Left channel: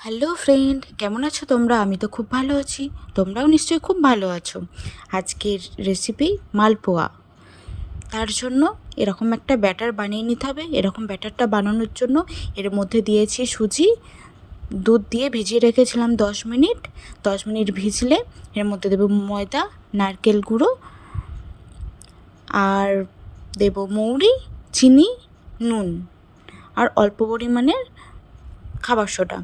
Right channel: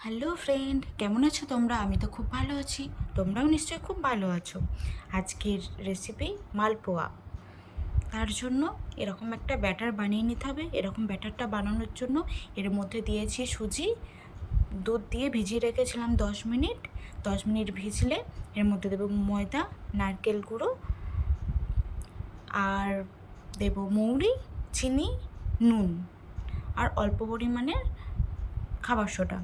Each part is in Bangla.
হ্যালো ফ্রেন্ড, কেমন আছো তোমরা? আমি তো খুব ভালো আছি। তোমরাও নিশ্চয়ই খুব ভালো আছো। আজকের রেসিপি মালপোয়া। তার জন্য এরকম একটা ব্যাটার বানিয়ে নিতে হবে। এরকম ব্যাটারটা বানানোর জন্য এর মধ্যে দিয়েছি সুজি, দুধ দিয়ে ভিজিয়ে রেখেছিলাম 10 মিনিট। 10 মিনিট ভিজলে এর মধ্যে দেবো ময়দা, নারকেল গুঁড়ো, আর দেব মৌরি, চিনি, নুন আর অল্প পরিমাণের খাবার সোডা।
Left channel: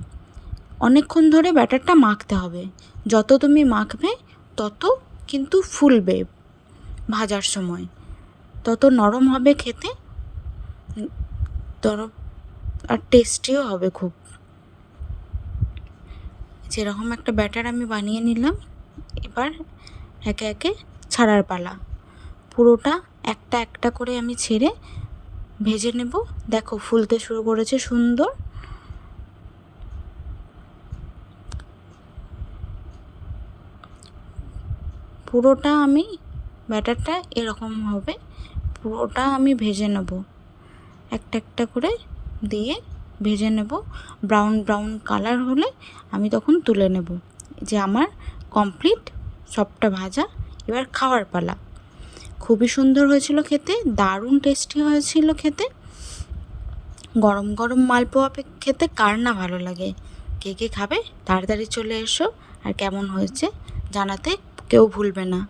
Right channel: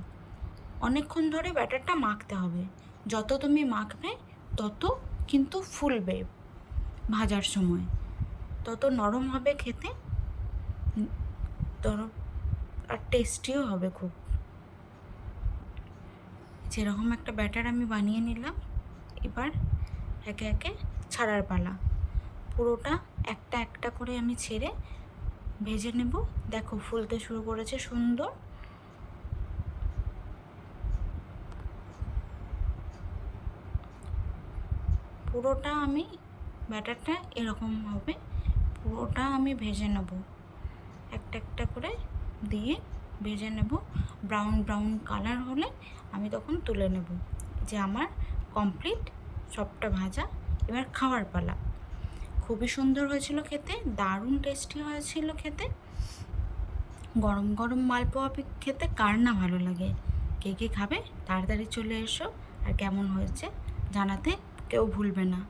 অনেকক্ষণ ধরে ব্যাটারটা মাখতে হবে। যত তুমি মাখবে তত কিন্তু ফুলবে, ভাজার সময় তত নরম হবে খেতে, নরম আর টেস্টিও হবে খুব। যেরকম একটা ব্যাটার আমি বানিয়ে নিলাম। এবার একে একে ছাড়ার পালা। পুরোটা একটা একটা করে আমি ছেড়ে ভেজে নেব। দেখো ফুলতে শুরু করেছে সুন্দর। পুরোটা আমি ব্যাটারটা এরকম হবে, পুরোটা আমি ভেজে নেব। একটা একটা করে দিয়ে ভেজে নেব। ব্রাউন ব্রাউন কালার হলে আমি তখন তুলে নেব। যে আমার কমপ্লিট সবটা ভাজা। এবার খাওয়ার পালা। খুবই সুন্দর হয়েছিল খেতে, দারুণ টেস্টি হয়েছিল খেতে। গরম গরম মালপোয়া খেতে কার না ভালো লাগে? কে কে খাবে তাড়াতাড়ি চলে এসো, আর কেমন হয়েছে জানাতে কেউ ভুলবে না।